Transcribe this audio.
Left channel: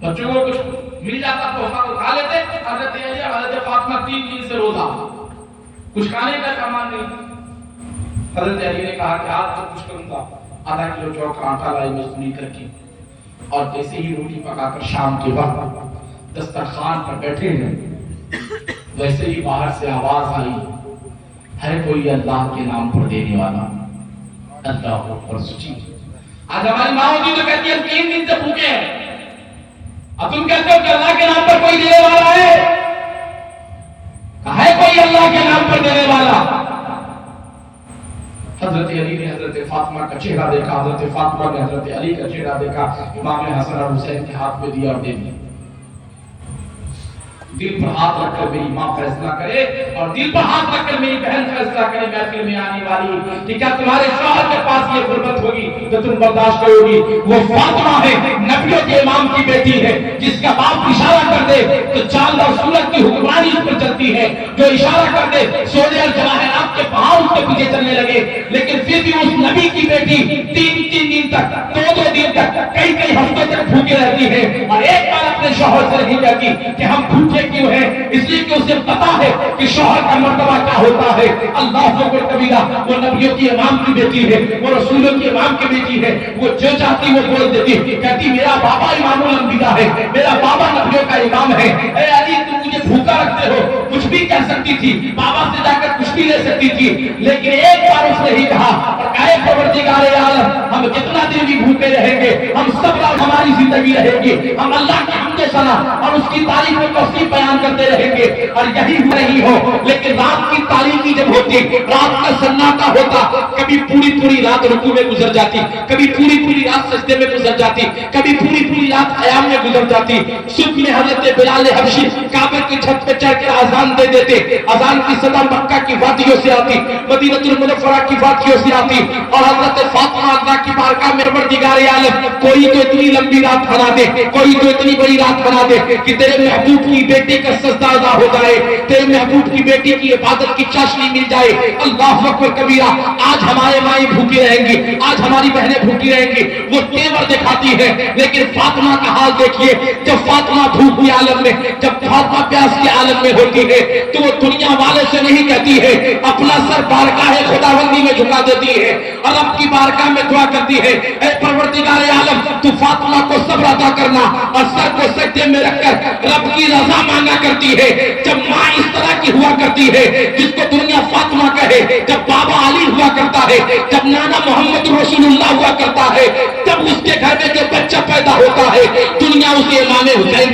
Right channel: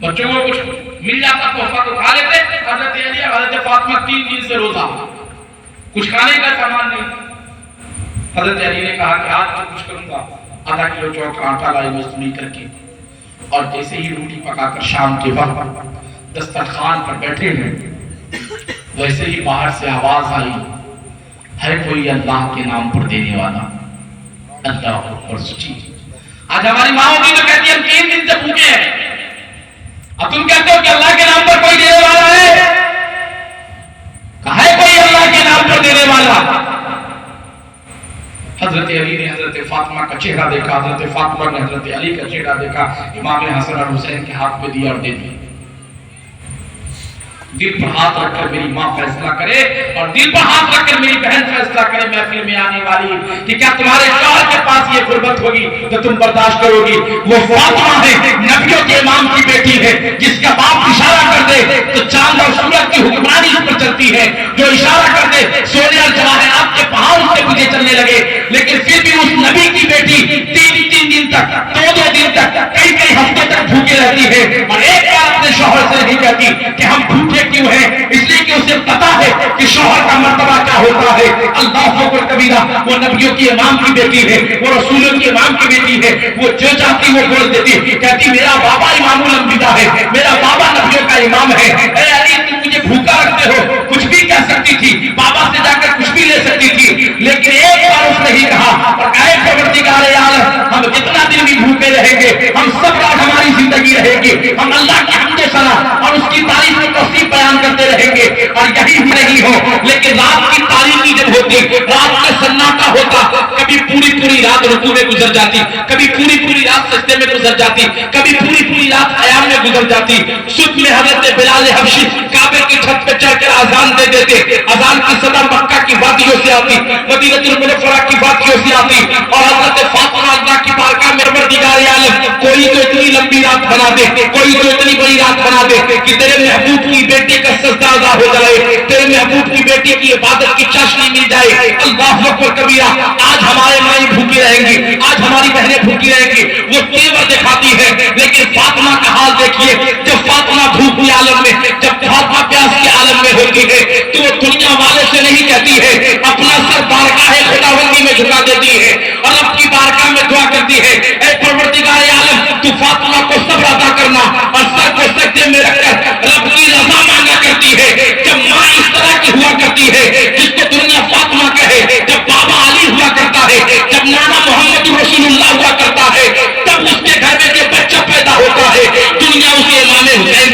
بچوں کو کچھ مل جاتا تحفہ تو کھا لیتے. حضرت علی اور حضرت فاطمہ 3 دن سے روزہ, کچھ کھانے کا سامان نہیں. حضرت علی نے کہا کہ آج میں کچھ کروں گا, آدھا کلو جو کا آٹا لائے مزدوری کر کے, اور جیسے ہی روٹی پکا کر شام کے وقت دسترخوان پر بیٹھے ہیں, ویسے ہی باہر سے آواز آئی, ہے کوئی اللہ کے نام پر دینے والا؟ اللہ اکبر. سچی آج ہماری ماں ہوتی تو کہتی ہم 3 دن سے بھوکے ہیں, اب تم کہتے ہو کہ اللہ کے نام پر کوئی دینے والا ہے؟ کہا ہے کوئی اللہ کے نام پر دینے والا؟ حضرت علی نے حضرت فاطمہ کا چہرہ دیکھا, حضرت فاطمہ نے حضرت علی کا چہرہ دیکھا, امام حسن اور حسین کے ہاتھ پہ دیا اور دے دیا. دل پر ہاتھ رکھ کر میری ماں فیصلہ کرے, اور دل پر ہاتھ رکھ کر میری بہن فیصلہ کرے محفل میں آنے والی کہ کیا تمہارے شوہر کے پاس یہ غربت ہوگی تو تم برداشت کرو گی؟ وہ فاطمہ ہے, نبیوں کے امام کی بیٹی ہے, جس کا باپ اشارہ کر دے تو چاند اور سورج کی حکمرانی اس پر چلتی ہے, جو اشارہ کر دے سونے اور جواہرات کے پہاڑ اس کے پیچھے چلنے لگے. لیکن پھر بھی اس نبی کی بیٹی 3 دن تک, 2 دن تک, کئی ہفتے تک بھوکے رہتی ہے, اور ایک بار اپنے شوہر سے نہیں کہتی کہ ہم بھوکے کیوں ہے, اس لیے کہ اسے پتا ہے کہ شوہر کا مرتبہ کیا ہوتا ہے. اللہ اکبر کبیرہ. وہ نبیوں کی امام کی بیٹی ہے, وہ رسولوں کی امام کی بیٹی ہے, وہ جو چاہتی وہ بول دیتی, کہتی میرا بابا امام الانبیاء ہے, میرا بابا نبیوں کا امام ہے. اے علی تم مجھے بھوکا رکھتے ہو, کچھ بھی کہہ سکتی تھی, بابا سے جا کر کچھ بھی لے سکتی تھی, لیکن ایک بار اس نے ہی کہا, اور کہے پروردگار عالم ہم جتنا دن بھی بھوکے رہیں گے, ہم سب رات ہماری زندگی رہے گی, ہم اللہ کی حمد و ثنا اور اس کی تعریف و توصیف بیان کرتے رہیں گے, اور یہی نہیں ہو. لیکن رات کی تاریکی جب ہوتی, رات کا سناٹا ہوتا, کبھی پوری رات رکوع میں گزر جاتی, کبھی پوری رات سجدے میں گزر جاتی, کبھی پوری رات قیام میں گزر جاتی. صبح میں حضرت بلال حبشی کعبے کی چھت پہ چڑھ کر اذان دے دیتے, اذان کی صدا مکہ کی وادیوں سے آتی, مدینہ المنورہ کی وادیوں سے آتی, اور حضرت فاطمہ اللہ کی بارگاہ میں پروردگار عالم کوئی تو اتنی لمبی رات بنا دے, کوئی تو اتنی بڑی رات بنا دے کہ تیرے محبوب کی بیٹی کا سجدہ ادا ہو جائے, تیرے محبوب کی بیٹی کی عبادت کی چاشنی مل جائے. اللہ اکبر کبیرہ. آج ہمارے مائیں بھوکی رہیں گی, آج ہماری بہنیں بھوکی رہیں گی, وہ تیور دکھاتی ہے, لیکن فاطمہ کا حال دیکھیے. جب فاطمہ بھوک کے عالم میں, جب فاطمہ پیاس کے عالم میں ہوتی ہے, تو وہ دنیا والے سے نہیں کہتی ہے, اپنا سر بارگاہ خداوندی میں جھکا دیتی ہے, اور رب کی بارگاہ میں دعا کرتی ہے, اے پروردگار عالم تو فاطمہ کو صبر عطا کرنا, اور سر کو سجدے میں رکھ کر رب کی رضا مانگا کرتی ہے. جب ماں اس طرح کی ہوا کرتی ہے جس کو دنیا فاطمہ کہے, جب بابا علی ہوا کرتا ہے, جب نانا محمد رسول اللہ ہوا کرتا ہے, تب اس کے گھر میں جو بچہ پیدا ہوتا ہے دنیا اسے امام حسین